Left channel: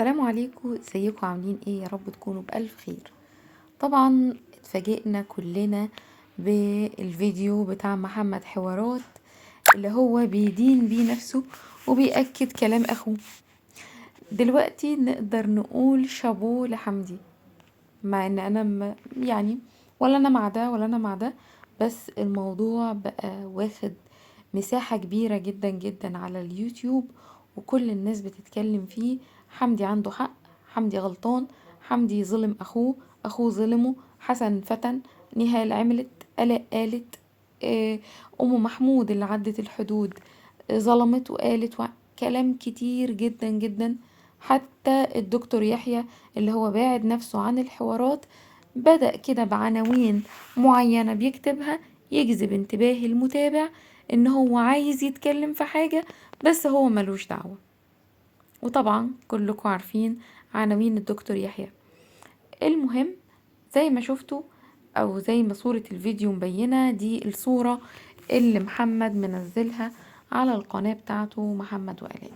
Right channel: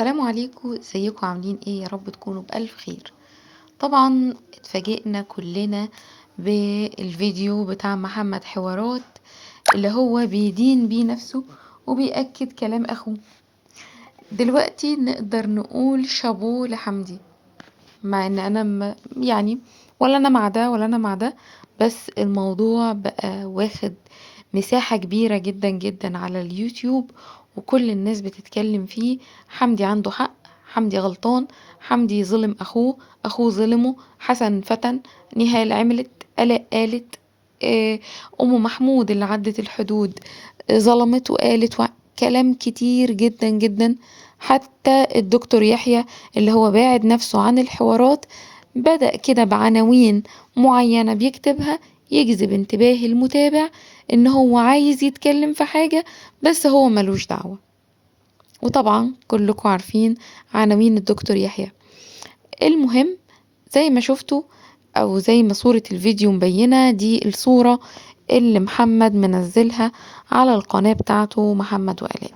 السلام عليكم، ازيكم عاملين ايه؟ يا رب تكونوا بألف خير. طبعا اتفاجئنا كلنا بالفيديو بتاع محمد حوارات اللي هو بيدين بيه نفسه وبيأكد كلام اخوه. دلوقتي نقدر نقول شابوه لحمدي، مع ان انا يعني ولا انا مع ده ولا انا مع ده، بس الموضوع بقى واخد مساحة كبيرة جدا جدا على اليوتيوب، وكل الناس بتتكلم فيه. حمدي عنده حق، حمدي غلطان، حمدي ظلم اخوه، اخوه ظلمه، حسن فتن، نهال عملت، آلاء قالت، آه، ام محمود اللي عدت الحدود ظلمت وقالت كلام كتير جدا جدا. حتى الدكتور يحيى اللي هو باعد نفسه عن الحوارات بدأ كده بعناوين معينة بيكتبها يجذب انتباه المتابع ان هو عايز يتكلم في حاجة بس هو ملوش دعوة. وطبعا كلكم عارفين عناوين الدكتور يحيى. المهم، زي ما شفتوا او زي ما صورة الفيديو مبينة، دي الصورة اللي محمد منزلها على القناة بتاعته محمد وآلاء،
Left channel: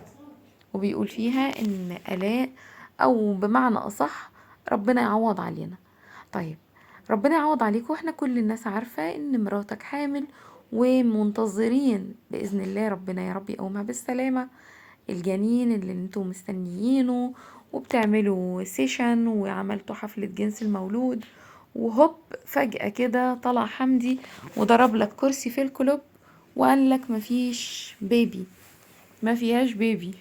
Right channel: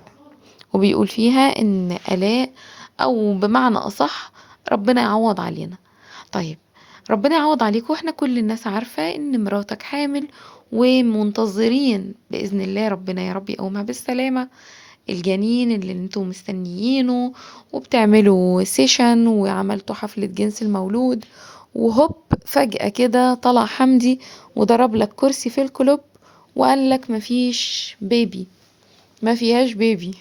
وبيقول فيها ان آلاء، او بمعنى اصح ربنا يعوض علينا. طيب، ربنا يعوض عليكم، واحنا كل الناس عارفة ان مراتك حامل ومنتظرين بإذن الله ربنا يا رب يقومها بالسلامة الجنين اللي انتوا مستنيينه، وبتعملوا سيشن وعملتوا حفلة جنس المولود، وهوب فجأة كده طلع حمدي وضرب لك كرسي في الكلوب وقال لك مفيش بيبي، ما فيهاش بيبي.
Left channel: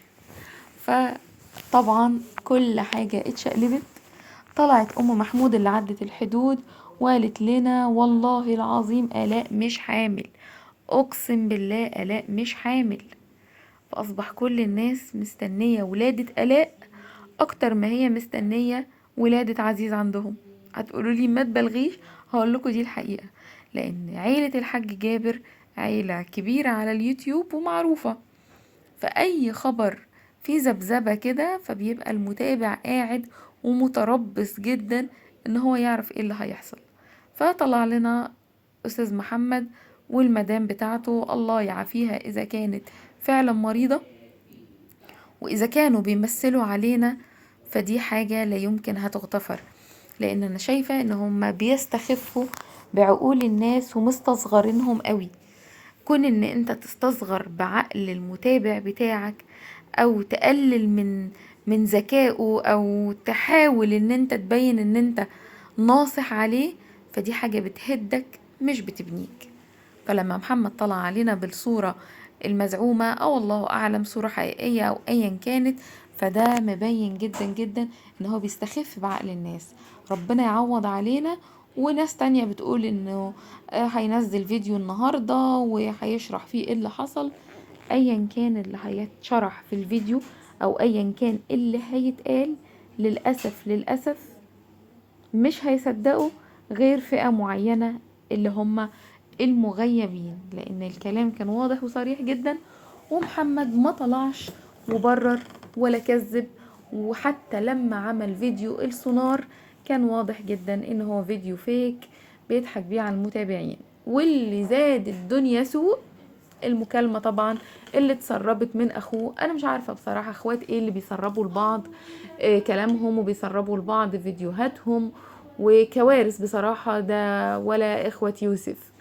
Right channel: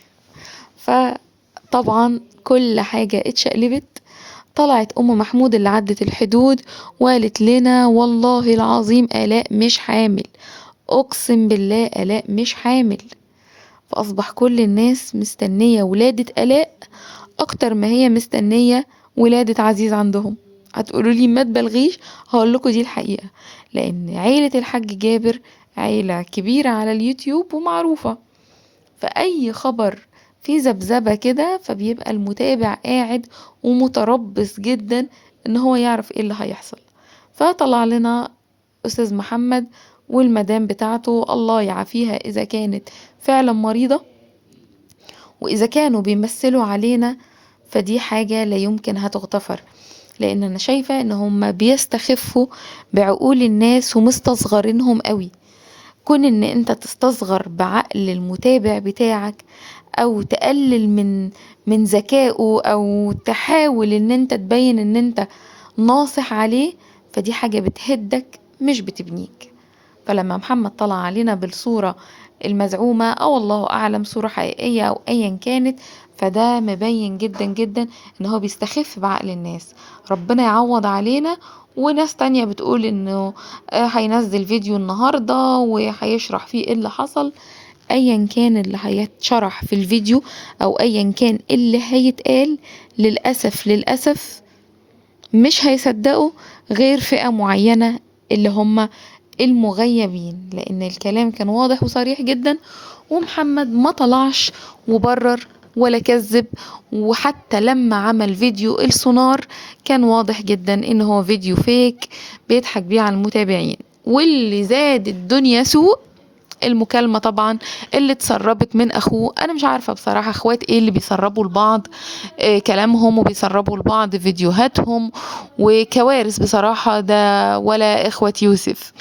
فطبعا كل حاجة اتشقلبت. طلعت أم محمود اللي عدت الحدود وقالت لنا والله العظيم آلاء مش حامل، أقسم بالله آلاء مش حامل. فأصبح كل الناس مستنية ولادة آلاء أكتر ما هي مستنية ولادة عزيز عندهم. هتقولوا لي ما تبلغيش، هقول لكم دي الحقيقة، لأن عيلة الحاج جابر عيلة كبيرة على اليوتيوب ومعروفة، فأي خبر فيه ذبذبة كده فبيبقى المتابع قاعد ومتربص جدا ان هو يعرف ايه اللي هيحصل. فطلع لنا استاذ محمد والمدام بتاعته، الله يعافيها اذا كانت فعلا مريضة، واذا كانوا بيمثلوا علينا فدي حاجة لا يمكن هتغتفر، لان انا شايفة ان هم بيستخفوا بعقول الناس ومستصغرينهم قوي. كون ان انت تستصغر بعقل المتابع بتاعك او تقلل من ذكائه او تحاول ان انت تبين ان انت ناصح عليه، فدي حاجة بتهدك مش بتبنيك. فلما محمد طلع علينا بالصورة المزعومة او الله اعلم صورة حقيقية او ايا كانت، فده مبين جدا جدا ان هو بيستخف بعقل الناس. ربنا يعوض علينا. وناس تانية بتقول انه هينزل فيديو النهاردة وهيشرح فيه ايه اللي حصل. ايا كان اللي هيتشرح في الفيديو او ايا كان اللي هيتقال، للأسف للأسف مش هيصدقوا غير فئة معينة اللي هم المغيبين، لان الكلام كان واضح وصريح جدا، ومحمد ما طلعش وبرر ولا كذب. وحتى لما عمل فيديو السونار كان واضح جدا ان هو فيديو فيك بيضحك بيه على المتابعين. واللي زاد الدنيا سوء المكالمة طبعا اللي اتسربت من اخوه. انا مش عارفة بصراحة اخوات ايه اللي بيسربوا لبعض كلامهم وبيسربوا لبعض فيديوهاتهم، وكوارث بصراحة ده ولا اخوة يوسف.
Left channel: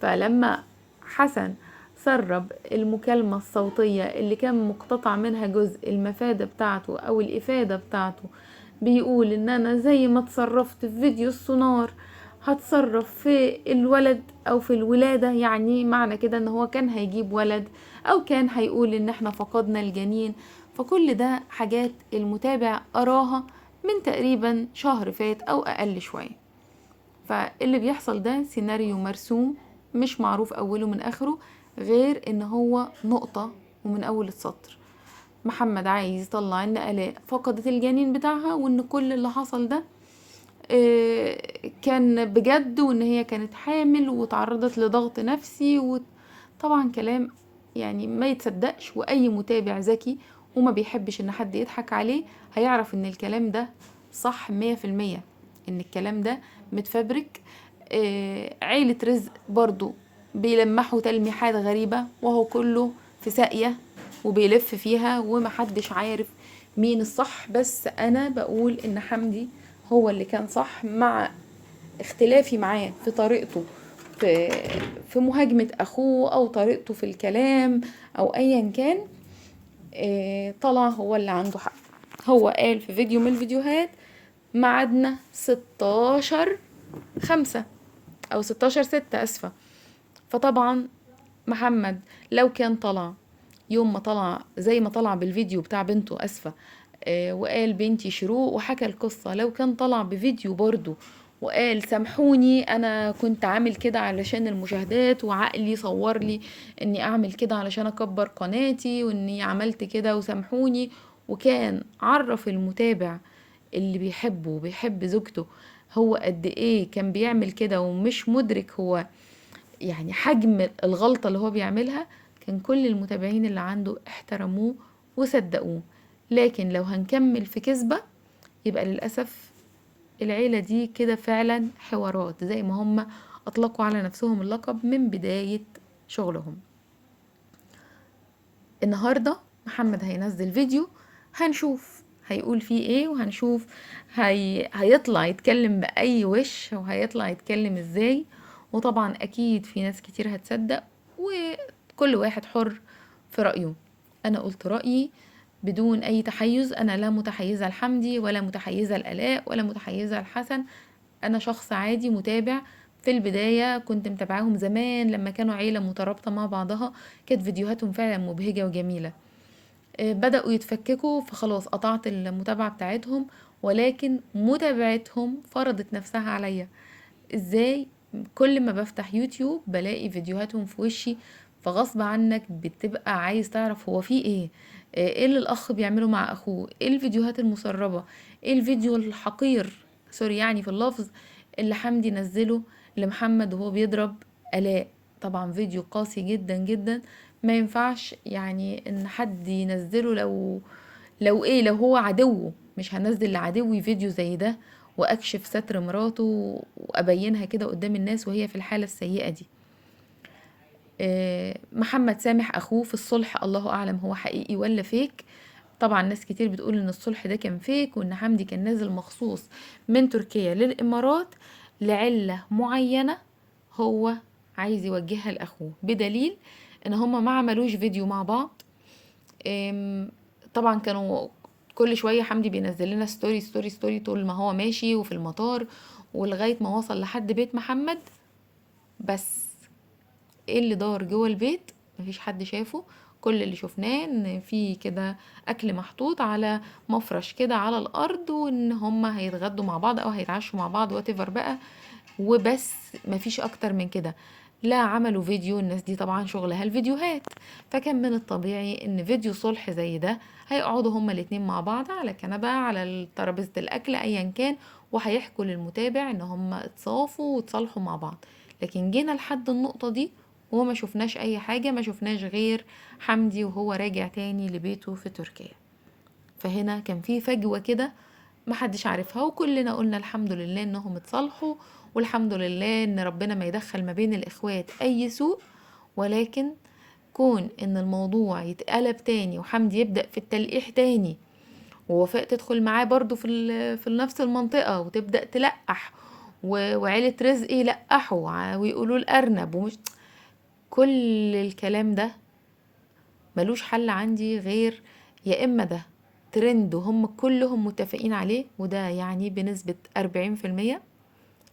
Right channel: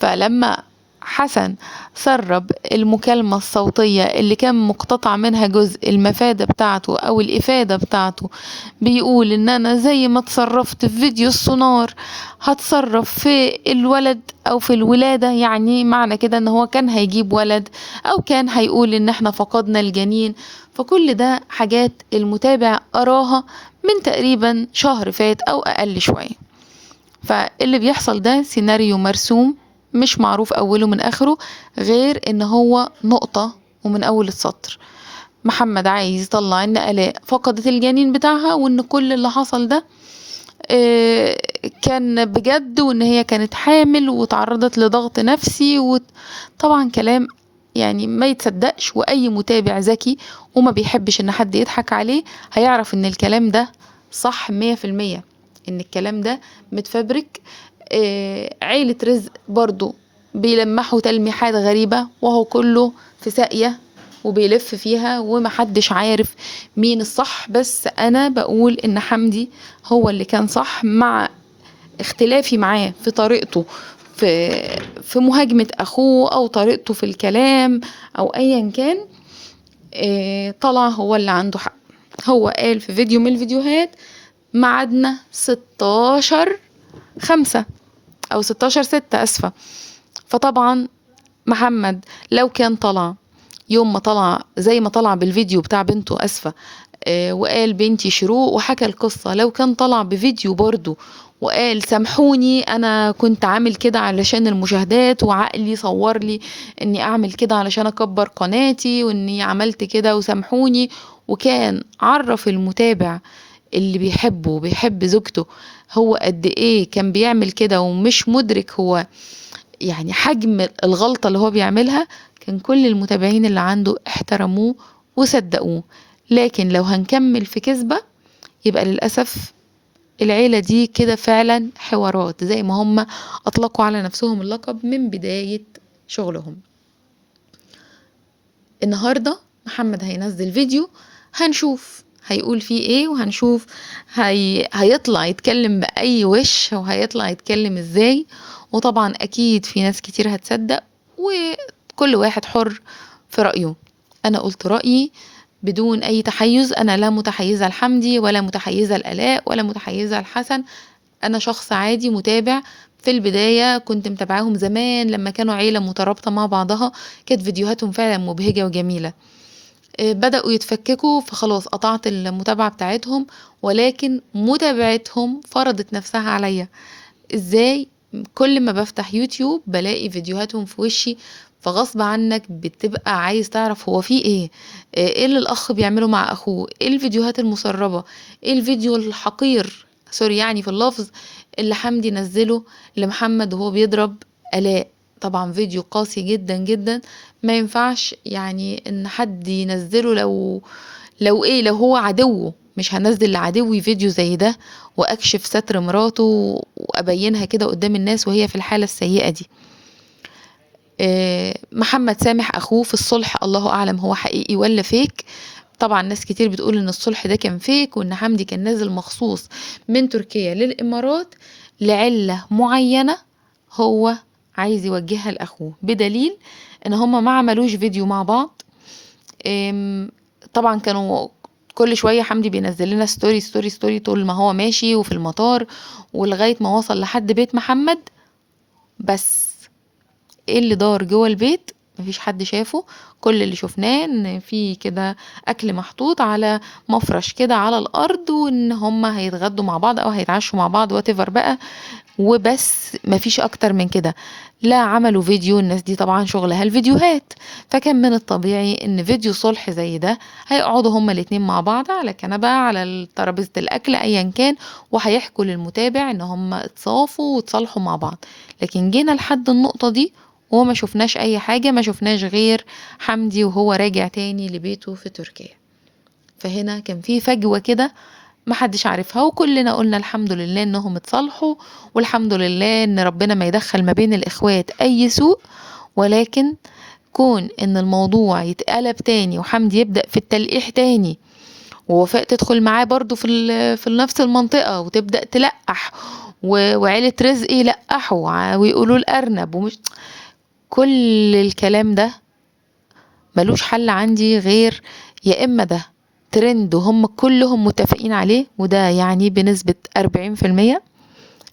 فلما حسن سرب المكالمة الصوتية اللي كان مقتطع منها جزء المفادة بتاعته أو الإفادة بتاعته، بيقول إن أنا زي ما اتصرفت في فيديو السونار هتصرف في الولد أو في الولادة، يعني معنى كده إن هو كان هيجيب ولد أو كان هيقول إن احنا فقدنا الجنين. فكل ده حاجات المتابع أراها من تقريبا شهر فات أو أقل شوية. فاللي بيحصل ده سيناريو مرسوم مش معروف اوله من اخره، غير ان هو نقطة ومن اول السطر محمد عايز يطلع ان آلاء فقدت الجنين بتاعها، وان كل اللي حصل ده كان بجد، وان هي كانت حامل وتعرضت لضغط نفسي. وطبعا كلام يعني ما يتصدقش، واي متابع ذكي وما بيحبش ان حد يضحك عليه هيعرف ان الكلام ده صح 100%، ان الكلام ده متفبرك. عيلة رزق برضو بيلمحوا تلميحات غريبة وهو كله في ساقية. وبيلف فيها ومحدش عارف مين الصح. بس انا بقول ان حمدي هو اللي كان صح، مع اختلافي معاه في طريقته في مهاجمة اخوه او طريقته في الكلام او ايا كان. طلع هو اللي عنده حق. هو قال في فيديو من الفيديوهات ميعادنا 16/5 او 16/6، اسفة. فطبعا محمد لو كان طلع يوم ما طلع زي ما طلع بالفيديو بتاع بنته، اسفة، وقال بنتي شروق وحكى القصة، لو كان طلع بفيديو برضو وقال سامحوني انا كنت عامل كده علشان المشاهدات وعقلي صور لي اني اعمل كده علشان اكبر قناتي واني عملت كده وسامحوني، وكان عرف المتابع اللي بيحبه وبيحب زوجته هو قد ايه كان بيعمل كده ومش مدرك هو يعني حجم الغلطة اللي هو بيعملها، كان كل المتابعين اللي عنده احترموه وصدقوه. لكن لو هنكمل في كذبة يبقى للأسف العيلة دي كده فعلا حوارات، زي ما هم أطلقوا على نفسهم اللقب من بداية شغلهم. النهاردة محمد هينزل فيديو، هنشوف هيقول فيه ايه، وهنشوف هيطلع يتكلم بأي وش وهيطلع يتكلم ازاي. وطبعا اكيد في ناس كتير هتصدق، وكل واحد حر في رأيه. انا قلت رأيي بدون اي تحيز، انا لا متحيزة لحمدي ولا متحيزة لآلاء ولا متحيزة لحسن. انا شخص عادي متابع. في البداية كنت متابعاهم زمان لما كانوا عيلة مترابطة مع بعضها، كانت فيديوهاتهم فعلا مبهجة وجميلة. بدأوا يتفككوا فخلاص قطعت المتابعة بتاعتهم، ولكن متابعتهم فرضت نفسها عليا. ازاي؟ كل ما بفتح يوتيوب بلاقي فيديوهاتهم في وشي، فغصب عنك بتبقى عايز تعرف هو فيه ايه، ايه اللي الاخ بيعمله مع اخوه، ايه الفيديوهات المسربة، ايه الفيديو الحقير، سوري يعني في اللفظ، اللي حمدي نزله لمحمد وهو بيضرب آلاء. طبعا فيديو قاسي جدا جدا، ما ينفعش يعني ان حد ينزله. لو هو عدوه مش هنزل لعدوي فيديو زي ده واكشف ستر مراته وابينها كده قدام الناس وهي في الحالة السيئة دي. محمد سامح اخوه في الصلح، الله اعلم هو حقيقي ولا فيك. طبعا ناس كتير بتقول ان الصلح ده كان فيك، وان حمدي كان نازل مخصوص من تركيا للامارات لعلة معينة هو عايز يوجهها لاخوه، بدليل ان هما ما عملوش فيديو مع بعض. طبعا كانوا كل شوية حمدي بينزل لنا ستوري ستوري ستوري طول ما هو ماشي وفي المطار، ولغاية ما وصل لحد بيت محمد. بس ايه اللي دار جوه البيت؟ مفيش حد شافه. كل اللي شفناه ان في كده اكل محطوط على مفرش كده على الارض، وان هما هيتغدوا مع بعض او هيتعشوا مع بعض واتيفر بقى، وبس مفيش اكتر من كده. لا عملوا فيديو، الناس دي طبعا شغلها الفيديوهات، فكان من الطبيعي ان فيديو صلح زي ده هيقعدوا هما الاتنين مع بعض على كنبة على ترابيزة الاكل ايا كان، وهيحكوا للمتابع ان هما اتصافوا وتصالحوا مع بعض. لكن جينا لحد النقطة دي وما شفناش اي حاجة، ما شفناش غير حمدي وهو راجع تاني لبيته في تركيا. فهنا كان في فجوة كده محدش عارفها، وكلنا قلنا الحمد لله انهم اتصالحوا، والحمد لله ان ربنا ما يدخل ما بين الاخوات اي سوء. ولكن كون ان الموضوع يتقلب تاني وحمدي يبدأ في التلقيح تاني، ووفاء تدخل معاه برضو في نفس المنطقة وتبدأ تلقح، وعيلة رزق يلقحوا ويقولوا الأرنب ومش كل الكلام ده ملوش حل عندي غير يا إما ده ترند وهم كلهم متفقين عليه، وده يعني بنسبة 40%،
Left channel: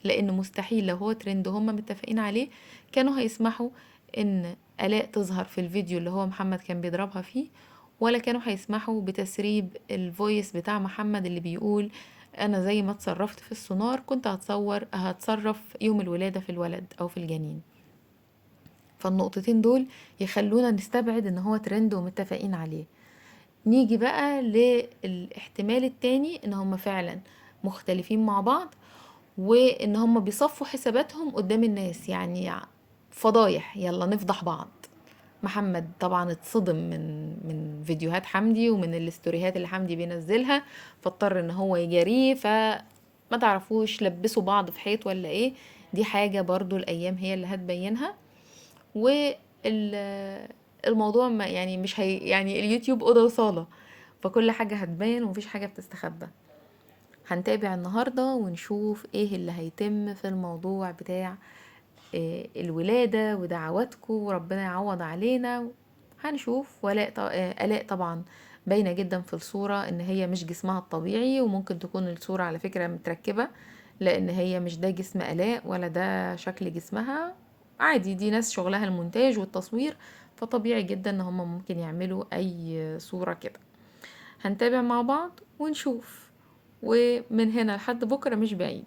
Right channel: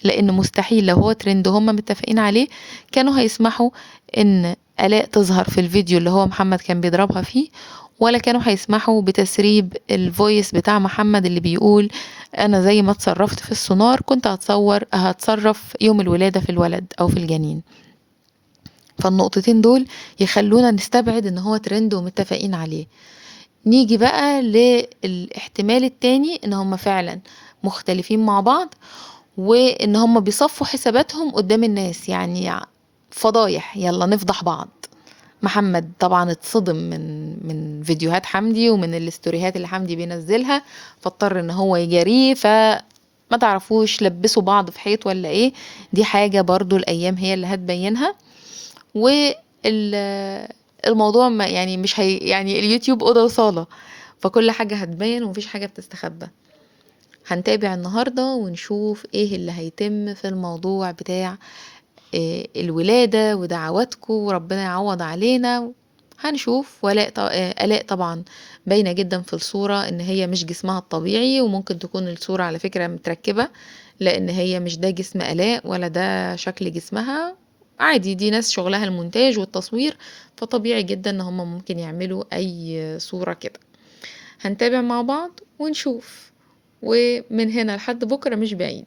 لأن مستحيل لو هو ترند وهم متفقين عليه كانوا هيسمحوا إن آلاء تظهر في الفيديو اللي هو محمد كان بيضربها فيه، ولا كانوا هيسمحوا بتسريب الفويس بتاع محمد اللي بيقول أنا زي ما اتصرفت في السونار كنت هتصرف يوم الولادة في الولد أو في الجنين. فالنقطتين دول يخلونا نستبعد ان هو ترند ومتفقين عليه. نيجي بقى للاحتمال التاني ان هم فعلا مختلفين مع بعض، وان هم بيصفوا حساباتهم قدام الناس، يعني فضايح يلا نفضح بعض. محمد طبعا اتصدم من فيديوهات حمدي ومن الاستوريهات اللي حمدي بينزلها، فاضطر ان هو يجاريه. ما تعرفوش لبسوا بعض في حيط ولا ايه، دي حاجة برضو الايام هي اللي هتبينها. الموضوع ما يعني مش هي يعني اليوتيوب أوضة وصالة، فكل حاجة هتبان ومفيش حاجة بتستخبى. هنتابع النهاردة ونشوف ايه اللي هيتم في الموضوع بتاع الولادة ودعواتكم وربنا يعوض علينا. هنشوف. آلاء طبعا باينة جدا في الصورة ان هي مش جسمها الطبيعي، وممكن تكون الصورة على فكرة متركبة، لان هي مش ده جسم آلاء ولا ده شكل جسمها. عادي، دي ناس شغلها المونتاج والتصوير، فطبيعي جدا ان هم ممكن يعملوا اي صورة كده. هنتابع مع بعض ونشوف، ومن هنا لحد بكرة مش بعيد.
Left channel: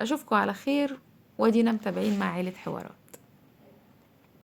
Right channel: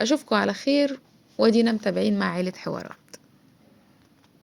أشوفكم على خير، ودينا متابعين مع عيلة حوارات.